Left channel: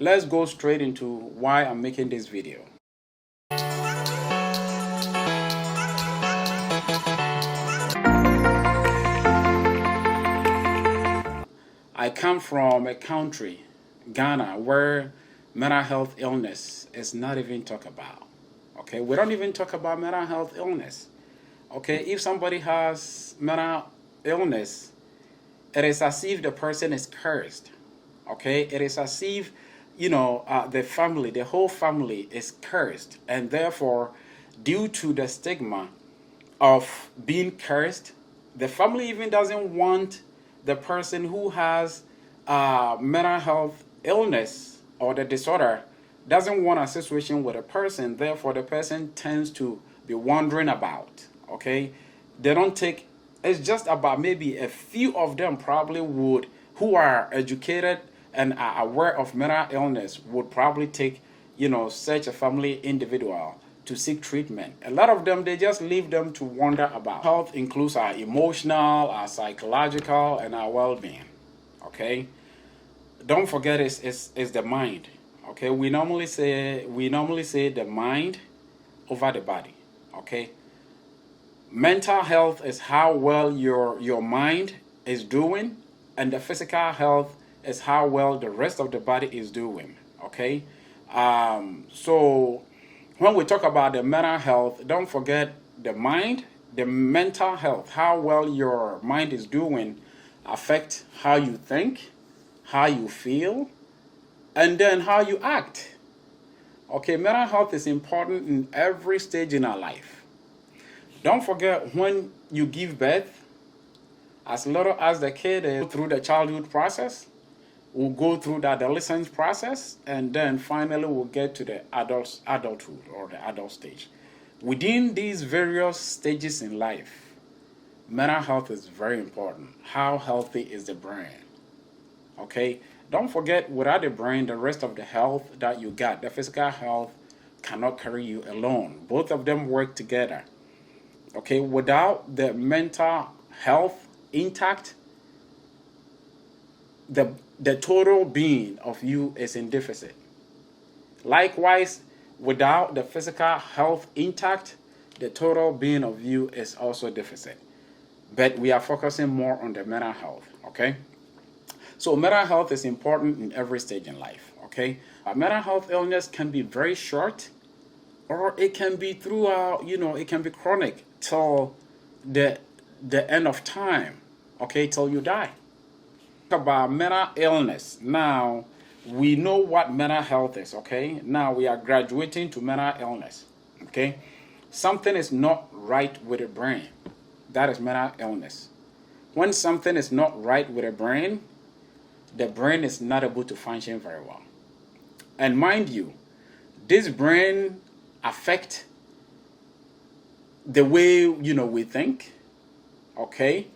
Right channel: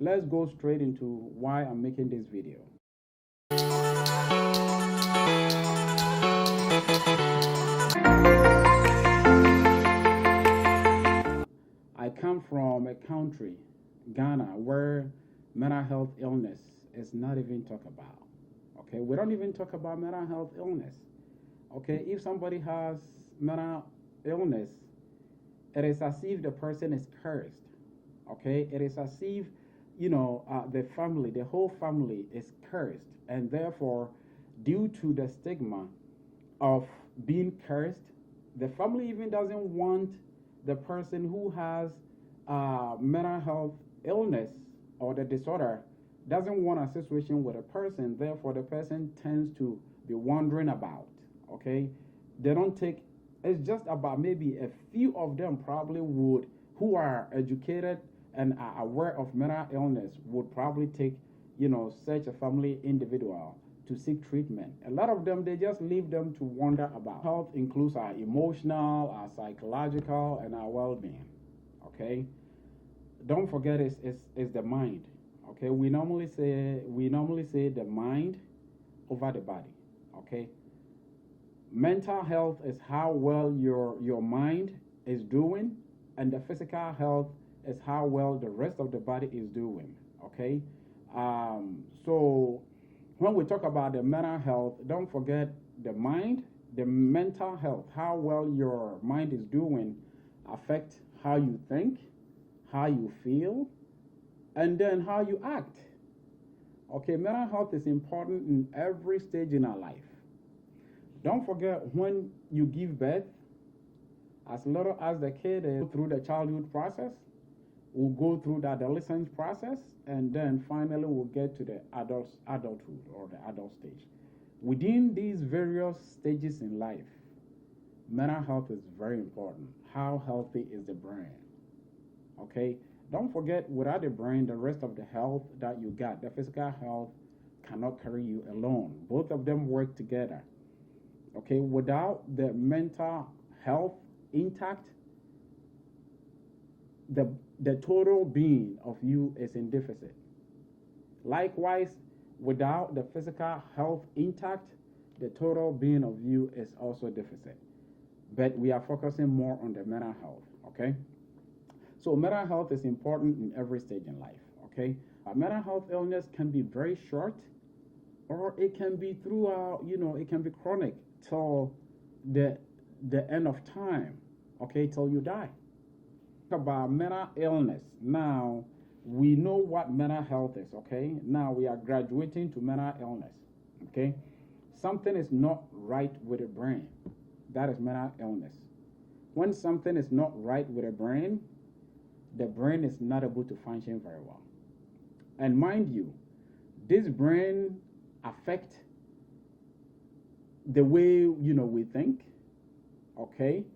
let's go straight into why I'm making this video. I come from a country, Ghana, where mental health illness is not even talked about. Okay, we don't even talk about mental health illness. Okay, if somebody has mental illness, it is as if the person is cursed. Okay, it is as if, the family, the whole family is cursed, and therefore, due to the stigma of being cursed, the family even doesn't want the person who has mental health illness or the disorder, doesn't want a situation with a person. Therefore, the person tends to be wandering about. Okay, they don't take. It's just about maybe a few of them probably would, who are educated and are aware of mental illness, would probably take, such a family individual to seek treatment. A lot of them, they just leave them to wander about. Health includes our emotional, our psychological, and our well-being. Okay, don't forget it's the mind. Okay, we normally say the mind over the body. Okay, mental health is how well your mind is doing, and the physical health is how well the rest of the body is doing. Okay, so when we talk about the mental health, don't forget the mind, the mental health, how well your mind is doing affect how you think, how you feel, and then how you act. Okay, mental health is important in every stage in our life. Don't forget, when you give birth, as little as the kid is through the childhood process, we'll go through the adolescence process, and then finally we'll get to the adulthood or the adult stage. Within these various stages in life, mental health is very important. How healthy is the brain? Okay, don't forget, without the brain, the rest of the health that you got, the physical health, cannot carry you alone. Both of them work together. Okay, without the mental health intact, the total being of you is in deficit. Likewise, without the physical health intact, the total being of you is also deficit. But we are focusing more on the mental health. Okay, so mental health is important in every stage in life. Okay, a mental health illness can be very short, or it can be throughout. It can be chronic till the end of time. Okay, till you die. About mental illness. Now we know what mental health is. Okay, now we are graduating to mental illness. Okay, something is not right with the brain. That is mental illness. When something is not right with the brain is not able to function very well. And mind you, this brain affect the way we think. Okay,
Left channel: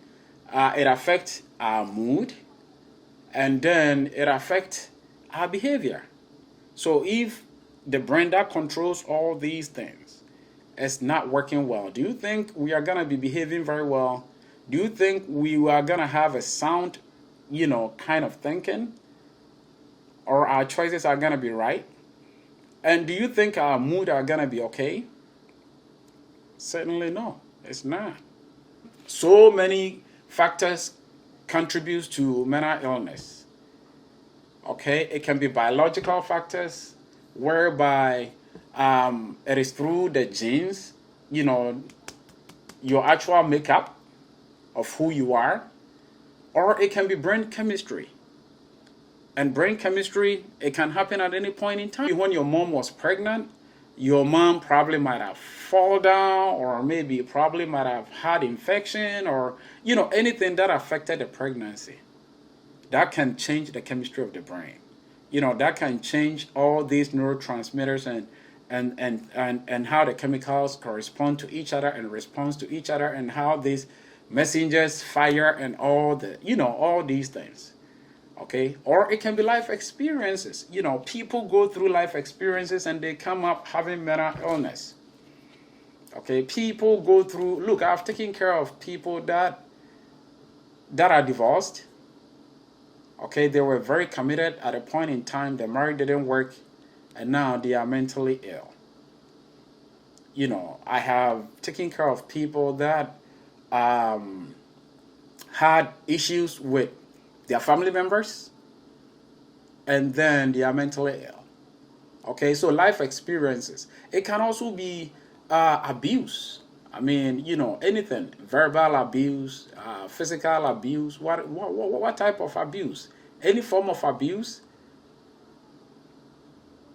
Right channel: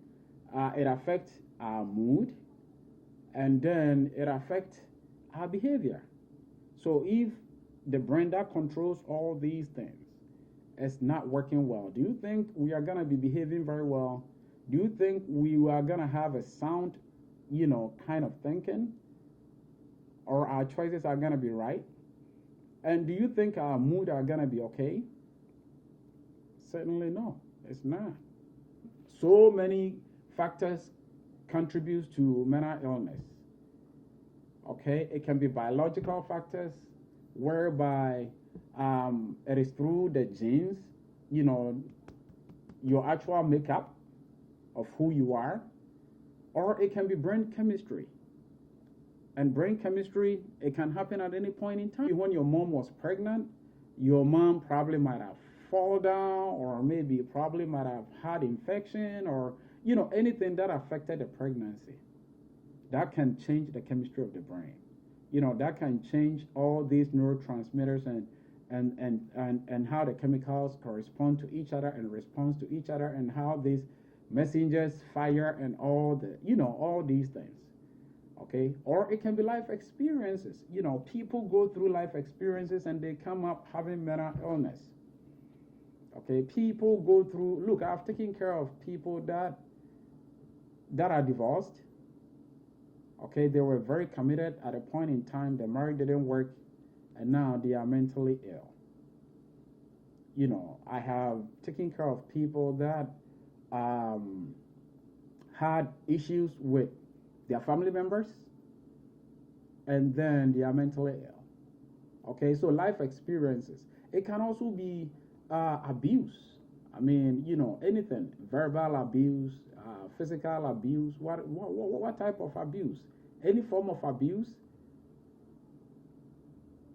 it affects our mood, and then it affects our behavior. So if the brain that controls all these things is not working well, do you think we are going to be behaving very well? Do you think we are going to have a sound, kind of thinking? Or our choices are going to be right? And do you think our mood are going to be okay? Certainly no, it's not. So many factors contributes to mental illness. Okay, it can be biological factors, whereby it is through the genes, your actual makeup of who you are, or it can be brain chemistry. And brain chemistry, it can happen at any point in time. When your mom was pregnant, your mom probably might have fallen down, or maybe probably might have had infection, or anything that affected the pregnancy. That can change the chemistry of the brain. That can change all these neurotransmitters and how the chemicals correspond to each other and responds to each other, and how these messengers fire, and all these things. Okay, or it can be life experiences. People go through life experiences and they come up having mental illness. Okay, people go through. Look, I've taken care of people that are divorced, Okay, they were very committed at a point in time. The marriage didn't work, and now they are mentally ill. I have taken care of people that um, had issues with their family members, and then they are mentally ill. Okay, so life experiences. It can also be abuse. I mean, anything, verbal abuse, physical abuse. What type of abuse? Any form of abuse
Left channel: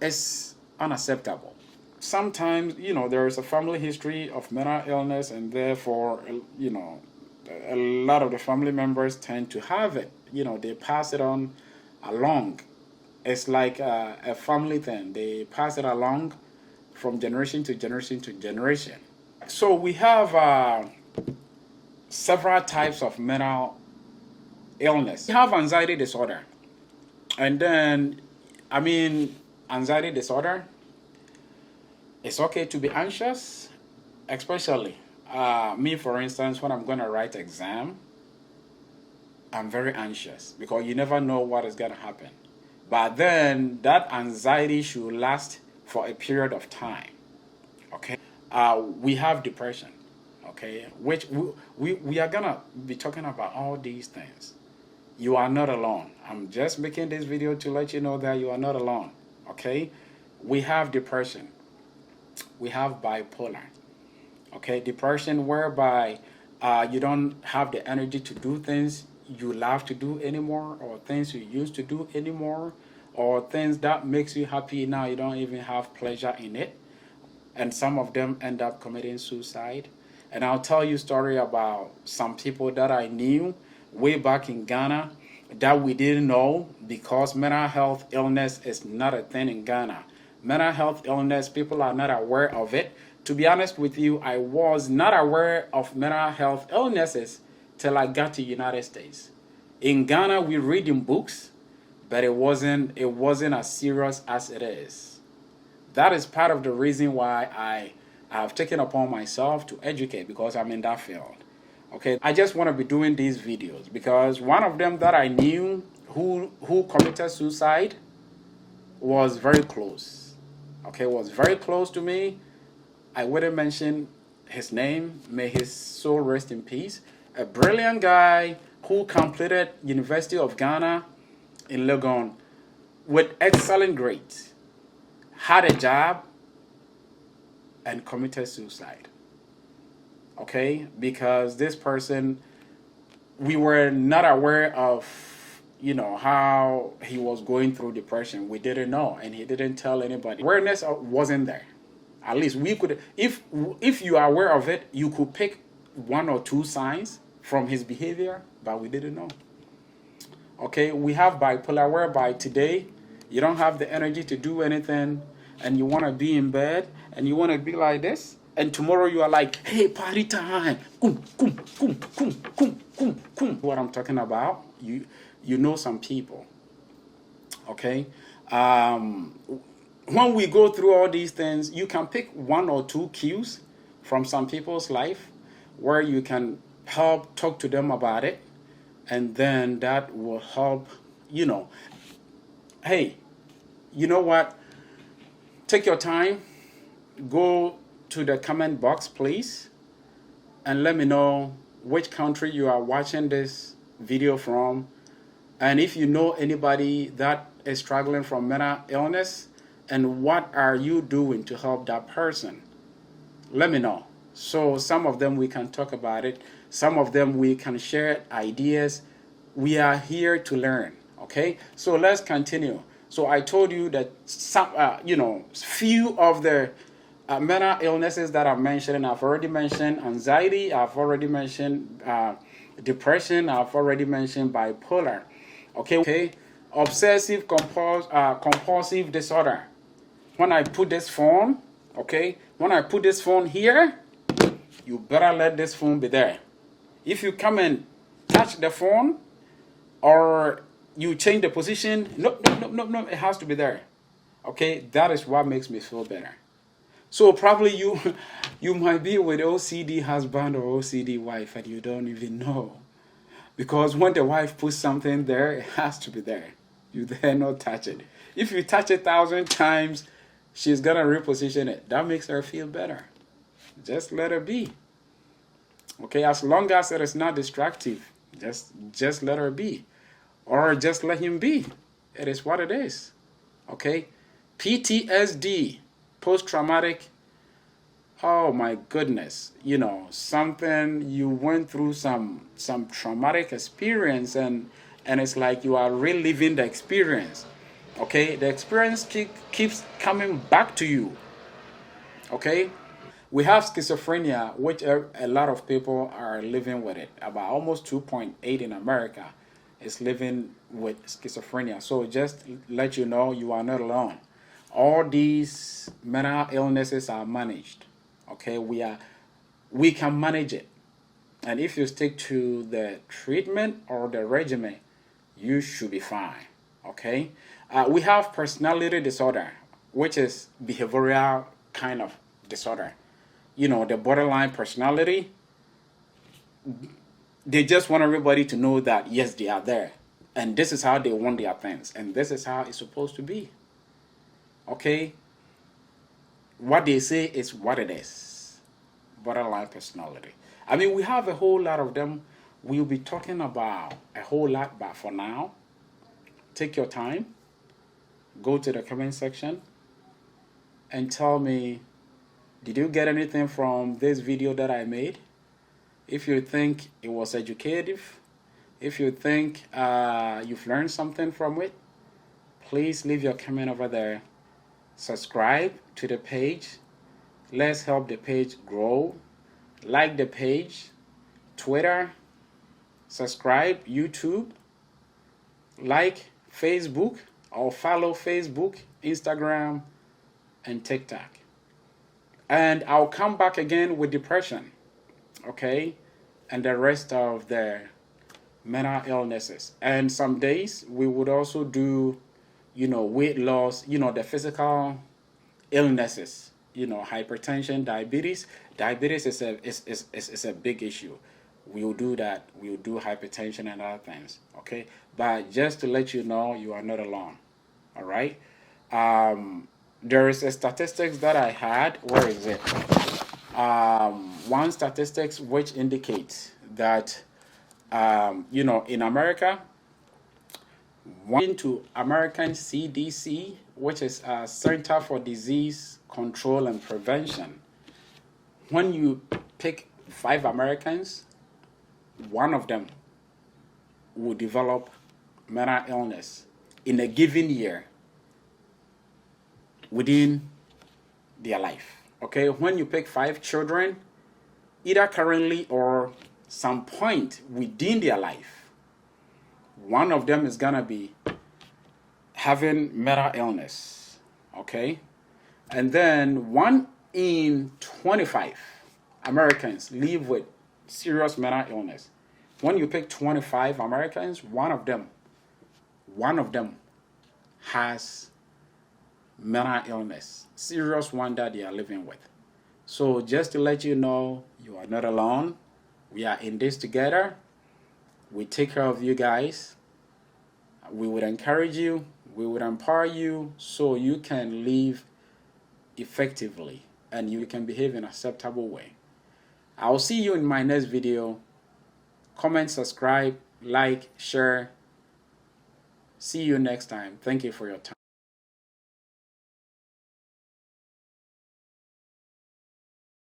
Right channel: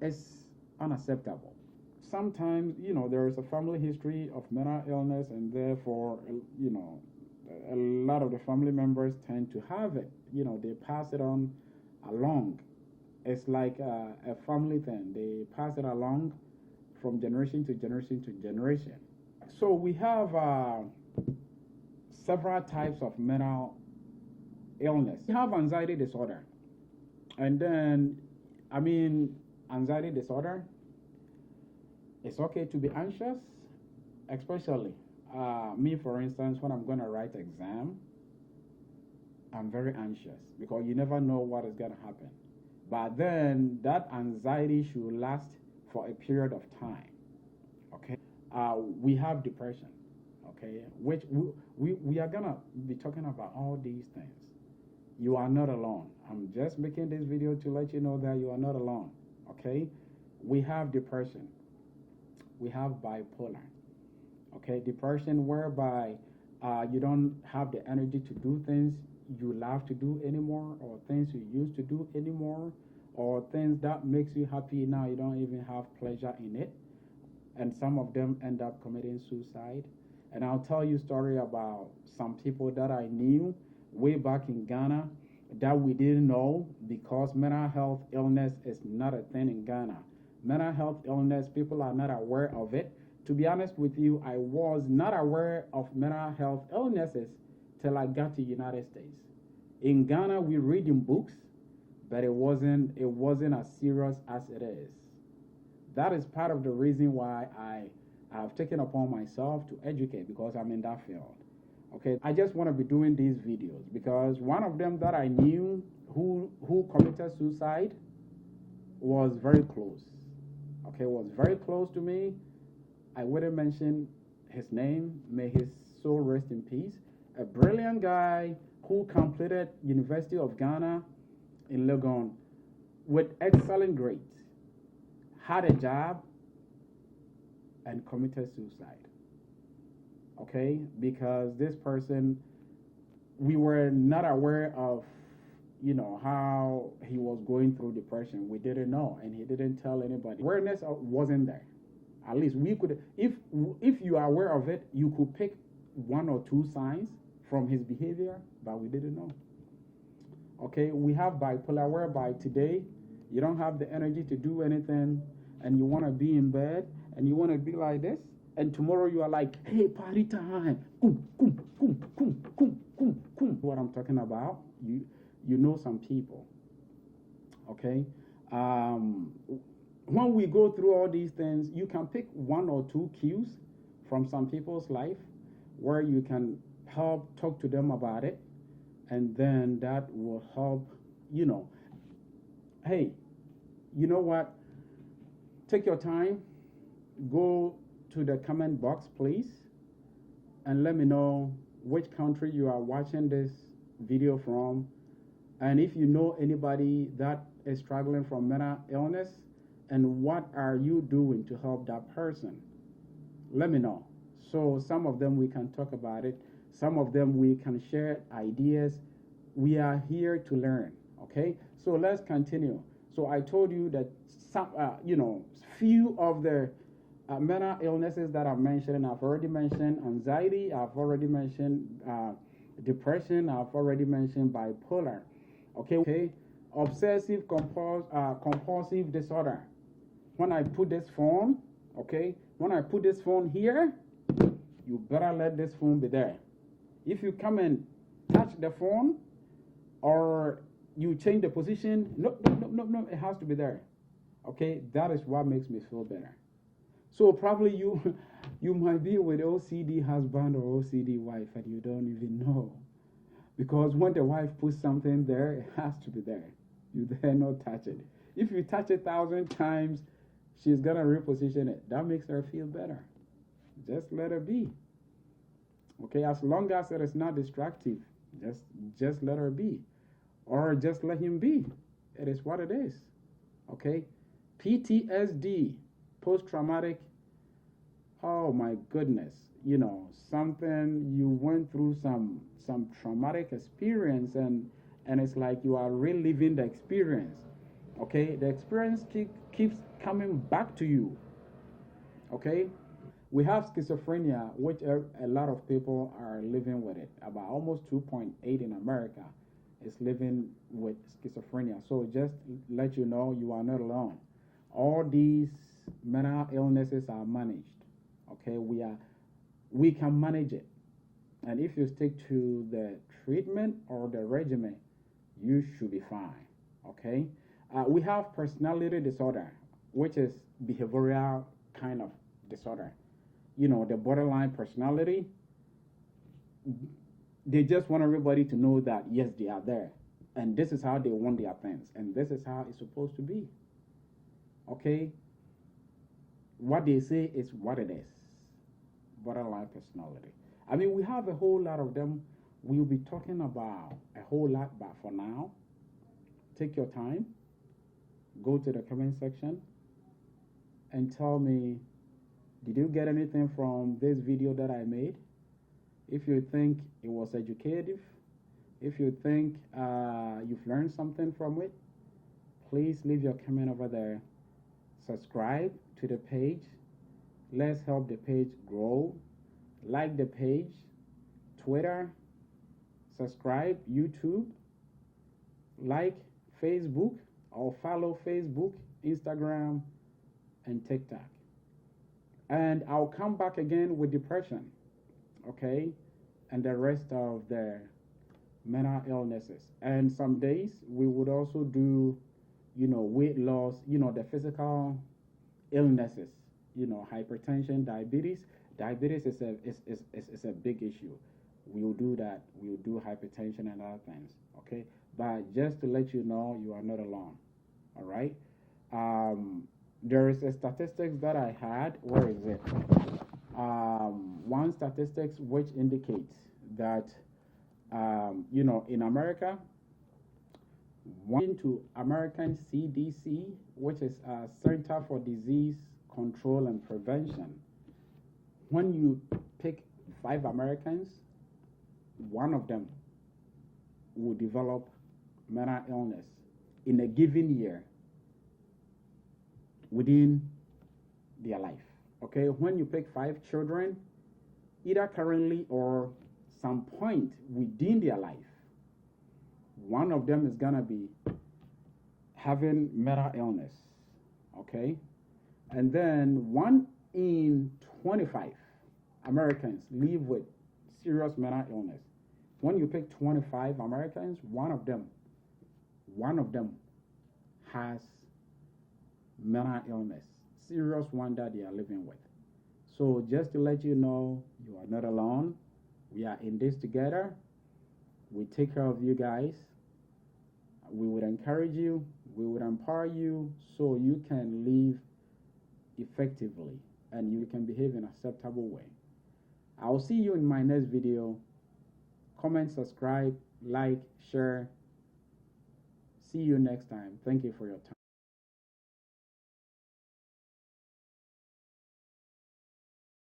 is unacceptable. Sometimes, there is a family history of mental illness, and therefore, a lot of the family members tend to have it. They pass it on along. It's like a family thing. They pass it along from generation to generation to generation. So we have several types of mental illness. We have anxiety disorder. And then, I mean, anxiety disorder, it's okay to be anxious, especially me, for instance, when I'm going to write exam, I'm very anxious because you never know what is going to happen. But then that anxiety should last for a period of time. Okay. We have depression. Okay. Which we are going to be talking about all these things. You are not alone. I'm just making this video to let you know that you are not alone. Okay. We have depression. We have bipolar. Okay. Depression whereby you don't have the energy to do things you love to do anymore, or things you used to do anymore, or things that makes you happy now you don't even have pleasure in it. And some of them end up committing suicide. And I'll tell you a story about some people that I knew way back in Ghana that we didn't know, because mental health illness is not a thing in Ghana. Mental health illness, people are not aware of it. To be honest with you, I was not aware of mental health illnesses till I got to United States. In Ghana, we read in books, but it wasn't as serious as it is. That is part of the reason why I have taken upon myself to educate, because I'm in that field. Okay, I just want to be doing these videos because one of them that I knew who committed suicide was very close. Okay, was very close to me. I wouldn't mention his name. May his soul rest in peace. A brilliant guy who completed University of Ghana in Legon with excellent grades, had a job, and committed suicide. Okay, because this person, we were not aware of, how he was going through depression. We didn't know, and he didn't tell anybody. Awareness wasn't there. At least we could, if you are aware of it, you could pick one or two signs from his behavior, but we didn't know. Okay, we have bipolar, whereby today you don't have the energy to do anything, and you want to be in bed, and you want to be like this, and tomorrow you are like, hey, party time, kum, kum, kum, kum, kum, kum, kum. What I'm talking about, you know some people. Okay, when we go through all these things, you can pick one or two cues from some people's life where you can help talk to them about it, and then that will help, hey, you know what? Take your time, go to the comment box, please, and let me know which country you are watching this video from, and if you know anybody that is struggling from mental illness, and what are you doing to help that person. Let me know. So some of them we can talk about it, some of them we can share ideas. We are here to learn. Okay, so let's continue. So I told you that some, few of the mental illnesses that I've mentioned. I've already mentioned anxiety. I've already mentioned depression. I've already mentioned bipolar. Okay. Obsessive compulsive disorder. When I put this phone, when I put this phone here, you better let this phone be there. If you come and touch the phone, or you change the position, no, it has to be there. Okay, that is what makes me feel better. So probably you might be with OCD husband or OCD wife and you don't even know. Because when the wife puts something there, it has to be there. You dare not touch it. If you touch it 1,000 times, she's gonna reposition it. That makes her feel better. Just let her be. Okay, as long as it is not destructive, just let her be. Or just let him be. It is what it is. Okay? PTSD, post traumatic. Oh my goodness. You know, something you went through some traumatic experience, and it's like you are reliving the experience. Okay? The experience keeps coming back to you. Okay? We have schizophrenia, which a lot of people are living with it. About almost 2.8 in America is living with schizophrenia. So just let you know, you are not alone. All these mental illnesses are managed. Okay, we can manage it, and if you stick to the treatment or the regimen, you should be fine. Okay, we have personality disorder, which is behavioral kind of disorder. You know, the borderline personality, they just want everybody to know that yes, they are there, and this is how they want their things, and this is how it's supposed to be. Okay, what they say is what it is. Borderline personality. I mean, we have a whole lot of them. We'll be talking about a whole lot, but for now, take your time, go to the comment section, and tell me, did you get anything from this video that I made? If you think it was educative, if you think you've learned something from it, please leave your comment over there. Subscribe to the page. Let's help the page grow. Like the page, Twitter, subscribe, YouTube, like Facebook, or follow Facebook, Instagram, and TikTok. And I'll come back again with depression, okay? And the rest of the mental illnesses. And some days we would also do, you know, weight loss, you know, the physical illnesses, you know, hypertension, diabetes. Diabetes is a big issue. We'll do that. We'll do hypertension and other things, okay? But just to let you know, you are not alone, all right? There is a statistics that I had. Where is it? One statistics which indicates that, you know, in America, one to American CDC, which is Center for Disease Control and Prevention. When you pick 5 Americans, one of them will develop mental illness in a given year within their life. Okay, when you pick 5 children, either currently or some point within their life, one of them is gonna be having mental illness. Okay, and then 1 in 25 Americans live with serious mental illness. When you pick 25 Americans, one of them has mental illness, serious one that they are living with. So just to let you know, you are not alone. We are in this together. We take care of you guys. We would encourage you. We would empower you so you can live effectively and you can behave in an acceptable way. I'll see you in my next video. Comment, subscribe, like, share. See you next time. Thank you for your time.